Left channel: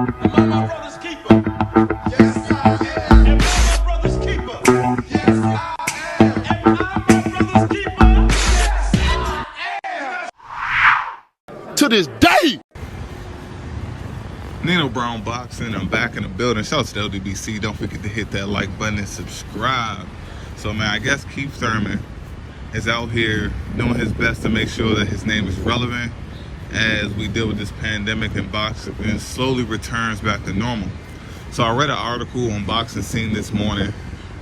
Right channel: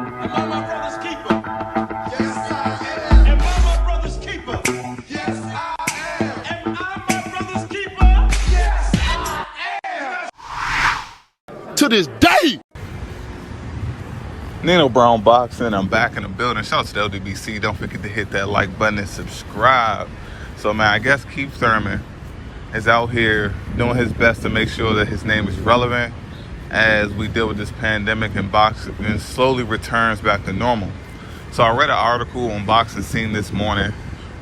Am I my brother's keeper? Yes, I am. Am I my brother's keeper? Yes, I am. Am I my brother's keeper? Yes, I am. To this day. Nino Brown Boxing, I'm back in the building. Shout out to the LDBC. Don't forget to hit that like button and subscribe. So, man, I guess Keith Thurman is out here doing his best to make sure that his name is relevant as we deal with this pandemic and boxing slowly returns back to normal. So I read an article on Boxing Scene this morning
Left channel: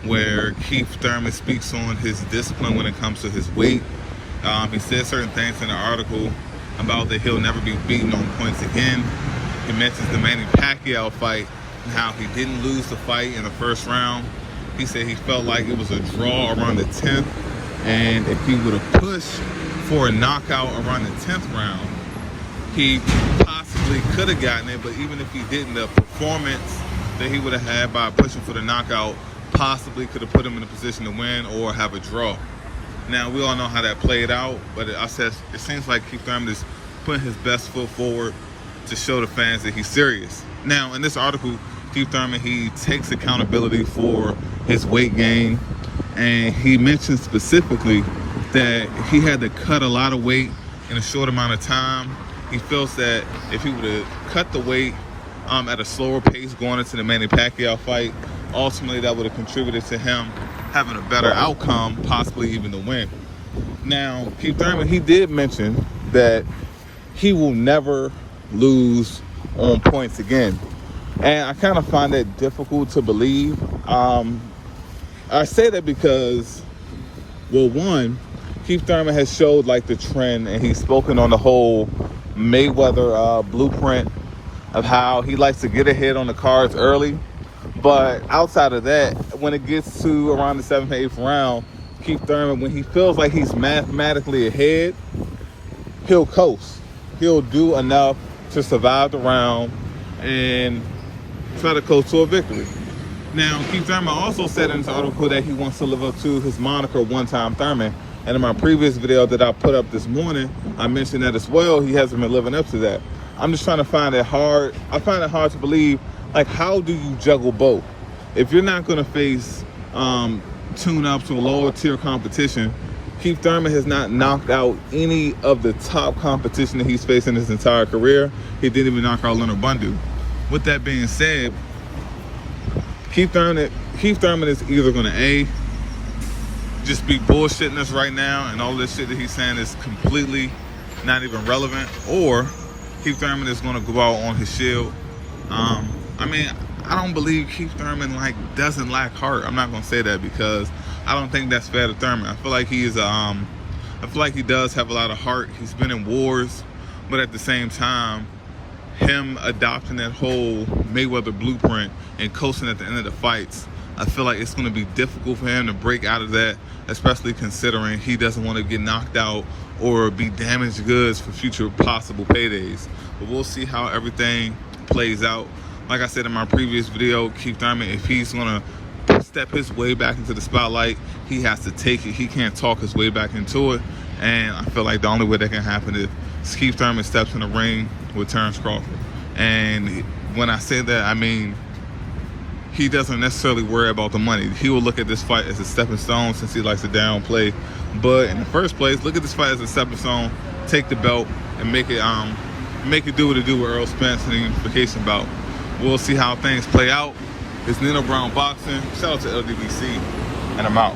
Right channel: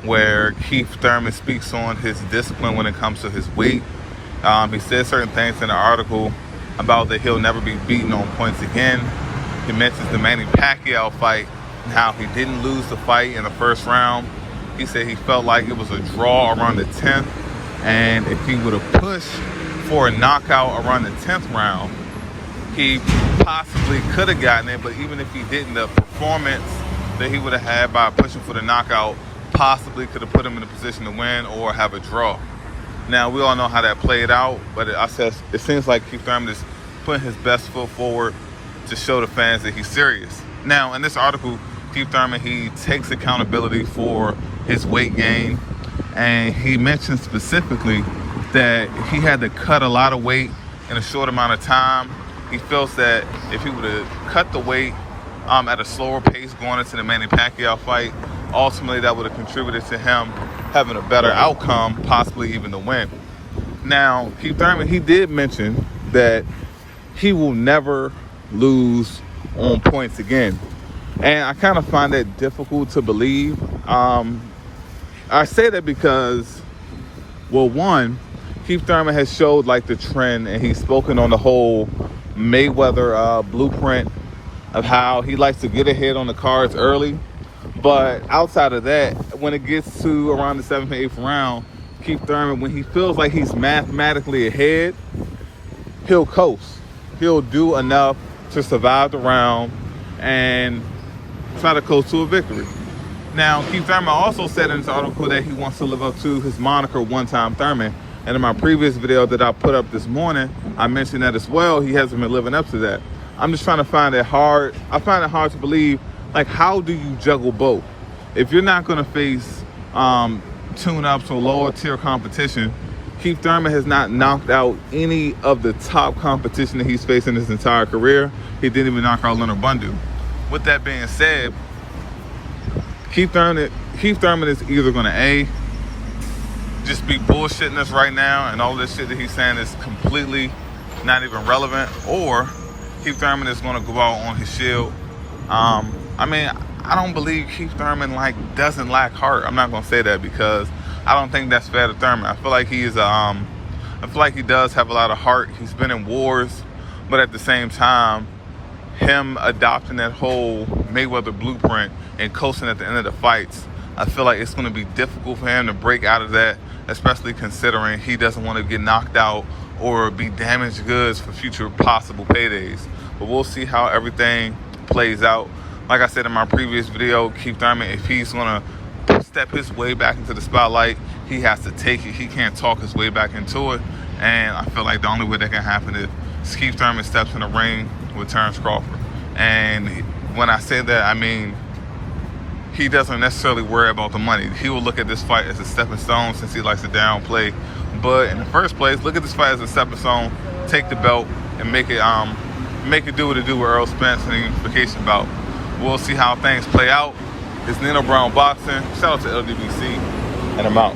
where Keith Thurman speaks on his discipline when it comes to his weight. He said certain things in the article about that he'll never be beaten on points again. He mentions the Manny Pacquiao fight and how he didn't lose the fight in the first round. He said he felt like it was a draw around the 10th, and if he would have pushed for a knockout around the 10th round, he possibly could have gotten it. But even if he didn't, the performance that he would have had by pushing for the knockout possibly could have put him in a position to win or have a draw. Now, we all know how that played out, but it seems like Keith Thurman is putting his best foot forward to show the fans that he's serious. Now, in this article, Keith Thurman, he takes accountability for his weight gain, and he mentions specifically that he had to cut a lot of weight in a short amount of time. He feels that if he would have cut the weight at a slower pace going into the Manny Pacquiao fight, ultimately that would have contributed to him having a better outcome, possibly even the win. Now, Keith Thurman, he did mention that he will never lose on points again, and I kind of find that difficult to believe. I say that because, well, one, Keith Thurman has showed like the trend, and he's spoken on the whole Mayweather blueprint of how he likes to get ahead on the cards early. But outside of that, when it gets to around the 7th or 8th round, Keith Thurman, when he feels like he's mathematically ahead, he'll coast. He'll do enough to survive the round and try to coast to a victory. Now, Keith Thurman also said in this article that he wants to live up to his moniker, One Time Thurman. And in my previous video that I put up this morning, I mentioned that as well. He hasn't been living up to that. I'm just trying to find it hard. I find it hard to believe, like, how do you juggle both? If you're not going to face tune-ups or lower tier competition, Keith Thurman has not knocked out any of the top competition that he's faced in his entire career. He didn't even knock out Leonard Bundu. With that being said, Keith Thurman is either going to just be bullshitting us right now, and all this shit that he's saying is completely not even relevant, or Keith Thurman is going to go out on his shield. I mean, I don't believe Keith Thurman doesn't lack heart. I'm not going to say that because I don't think that's fair to Thurman. I feel like he does have a lot of heart. He's been in wars, but at the same time, him adopting that whole Mayweather blueprint and coasting at the end of the fights, I feel like it's going to be difficult for him to break out of that, especially considering he doesn't want to get knocked out or be damaged goods for future possible paydays. But we'll see how everything plays out. Like I said in my previous video, Keith Thurman, if he's going to step his way back into the spotlight, he has to take it. He can't talk his way back into it. And I feel like the only way that can happen is Keith Thurman steps in the ring with Terrence Crawford. And when I say that, I mean, he doesn't necessarily worry about the money. He will look at this fight as a stepping stone, since he likes to downplay. But in the first place, look at this fight as a stepping stone, take the belt, and make it do what it do with Earl Spence and the unification bout. We'll see how things play out. It's Nino Brown Boxing. Shout out to LDBC, and I'm out.